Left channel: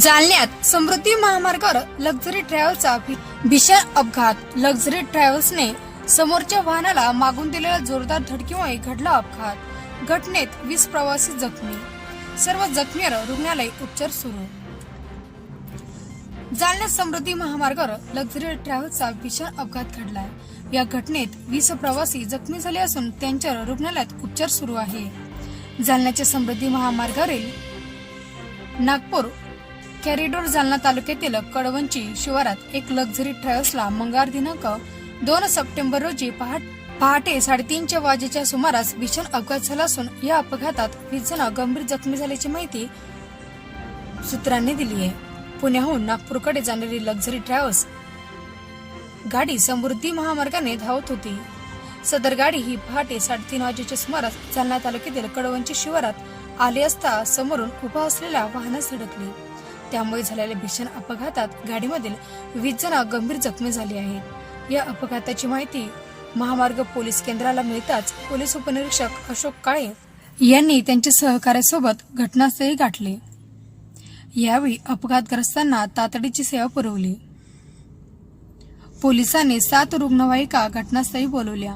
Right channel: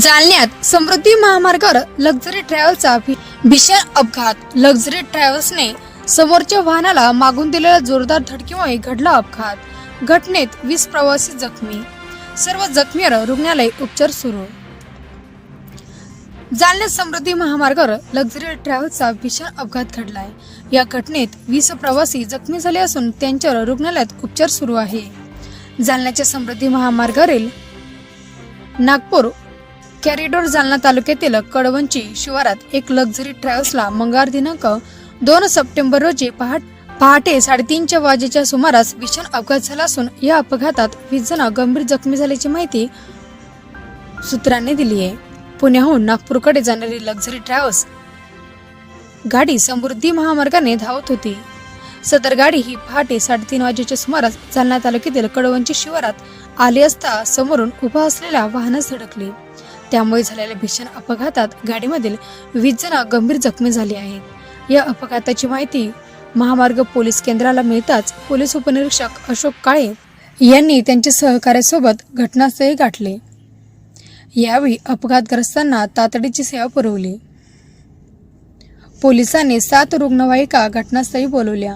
जालन्यात समृद्धी महामार्गावर लक्झरी ट्रॅव्हल्सचा भी- भीषण अपघात. लक्झरी ट्रॅव्हल्सने समोरच्या वाहनाला मागून दिलेल्या जोरदार धडकीमुळे घडला अपघात. घटनेत वीस प्रवासी जखमी. सर्व जखमीवर रुग्णालय उपचार सुरू. जालन्यात समृद्धी महामार्गावर लक्झरी ट्रॅव्हल्सचा भीषण अपघात घडलाय. या घटनेत वीस प्रवासी जखमी झाले असून त्यांच्यावर रुग्णालयात उपचार सुरू आहे. जालन्याच्या समृद्धी महामार्गावरील नागपूर कॅरिडोर जालना तालुक्यातील कडवंची शिवारात एक लक्झरी ट्रॅव्हल्सला मंगळवार दिनांक दोन सप्टेंबर रोजी पहाट पहाटे साडेतीनच्या वाजेच्या सुमारास भीषण अपघात झाला असून या अपघातात वीस जण गंभीर जखमी झाल्याची माहिती सूत्रांनी दिली आहे. पुण्याहून नागपूरकडे जाणारी लक्झरी ट्रॅव्हल्स गाडी समृद्धी महामार्गाने धावत होती. सदर गाडी ही पहाटे साडेतीन वाजेच्या सुमारास जालना तालुक्यातील कडवंची शिवारात आली असता समोरून उभा असलेल्या वाहनास धडकली. त्यामुळे झालेल्या भीषण अपघातात गाडीमधील वीस जण गंभीर जखमी झाले आहेत. या अपघाताची माहिती महामार्ग पोलीस केंद्राला मिळताच पोलीस उपनिरीक्षक अशोक काळे यांनी त्यांच्या सहकार्यासोबत घटनास्थळी गाठले. यावेळी अपघातग्रस्तांना तातडीची सेवा पुरवली. पोलिसांनी सात रुग्णवाहिका घटनास्थळी बोलवल्या.